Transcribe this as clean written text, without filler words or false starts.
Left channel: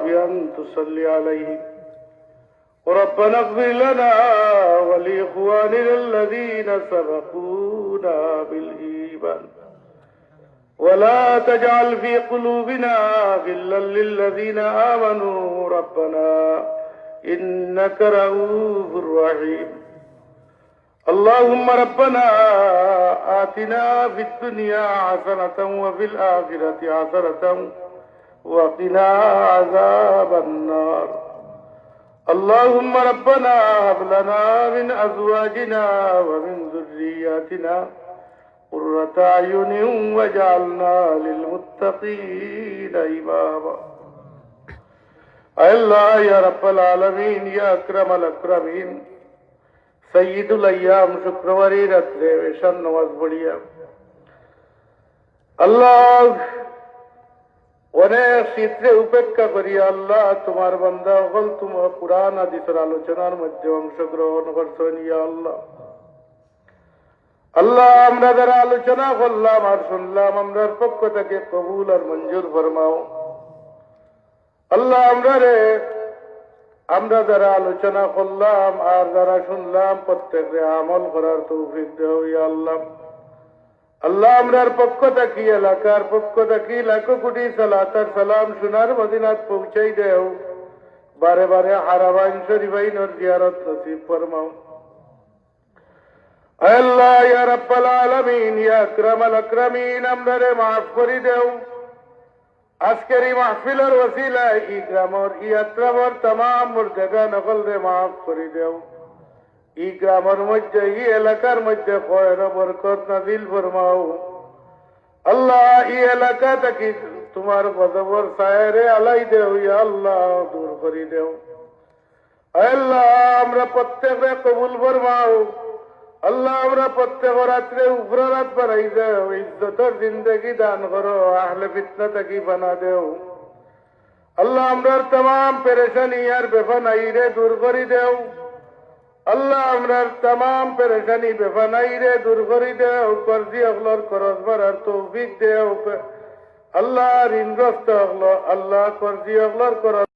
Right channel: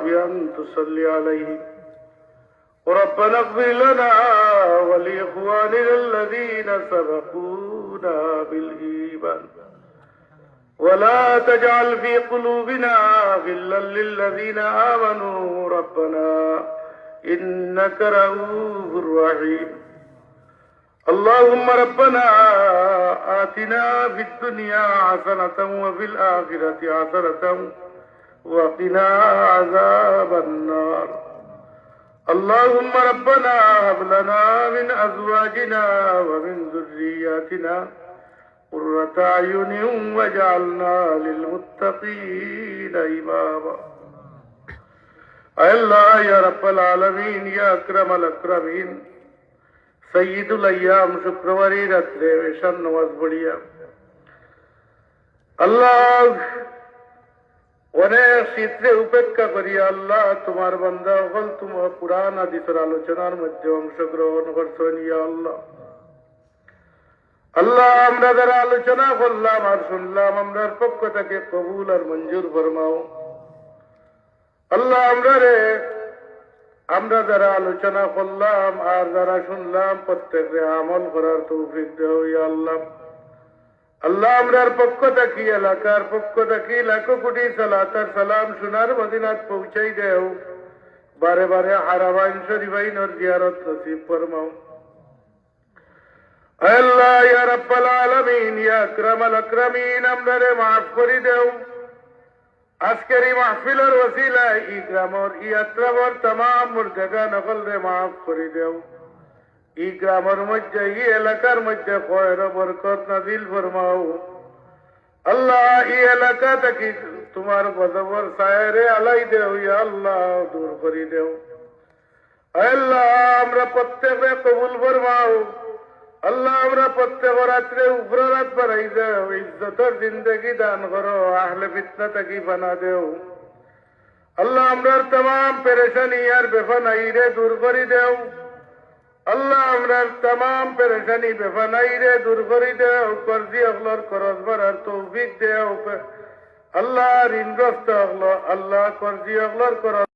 بأن تصلي عليه وربنا اغفر لنا ولإخواننا الذين سبقونا بالإيمان ولا تجعل في قلوبنا غلا للذين آمنوا ربنا إنك رؤوف رحيم اللهم ربنا آتنا في الدنيا حسنة وفي الآخرة حسنة وقنا عذاب النار اللهم ربنا هب لنا من أزواجنا ومن ذرياتنا قرة أعين واجعلنا للمتقين إماما الله يا رب العالمين يا أكرم الأكرمين সৈয়দুল আইয়াম শুক্রবারের রাত্রে এশার নামাজ পড়িয়া আল্লাহ অনেক শীতে উপেক্ষা করিয়া আল্লাহ তোমার বান্দা হল তোমার কুরআন হাদিসের আলোচনার মধ্যে অংশগ্রহণ করছেন ইয়া আল্লাহ আল্লাহ আমরা যারা আলোচনা করলাম আর শুনলাম আমরার পক্ষ থেকে কবুল আর মঞ্জুর ফরমাও আল্লাহ আমরা যারা আলোচনা করলাম আর যারা শুনলাম প্রত্যেকে আমল করার তৌফিক দেও ইয়া আল্লাহ আল্লাহ আমরার পক্ষ থেকে এলাকার পক্ষ থেকে লাখো কোটি সালাত আর সালাম সোনার মদিনাত পৌঁছাই দেও বারে বারে হারামাইন শরীফাইনের জিয়ারত নসিব ফরমাও আল্লাহ ইয়া রাব্বাল আলামিন ইয়া আকরামাল আকরামিন আমরারে মাফ করে দেও আজকের এই মাহফিলের ওসিলায় ই গ্রামের ই আত্রামর तमाम মুরগাগা নকল রে মাফ করে দেও ই গ্রামের মধ্যে ই এলাকার মধ্যে খয়র বরকত নাজিল ফরমাও আল্লাহ ই এলাকা থেকে তোমার গজবর সায়রে আলাই দেও ইয়া আল্লাহ দূর করে দেও আল্লাহ আমরা প্রত্যেককে কবুল ফরমাও আল্লাহ আমরা প্রত্যেক রাত্রে উপরাত বাড়াই দেও ইজ্জতের জিন্দগি দান করো আহলে ফিতনা থেকে বানা দেও আল্লাহ আমরার तमाम পেরেশানি আর বেফানাই রে দূর করে দেও আল্লাহ আমরার तमाम পেরেশানি বেফানাই রে দূর করে দেও কর্জি অগলর করজ ভরার তৌফিক দেও আল্লাহ ঋণগ্রস্ত হলো আল্লাহ কর্জি অগলর করজ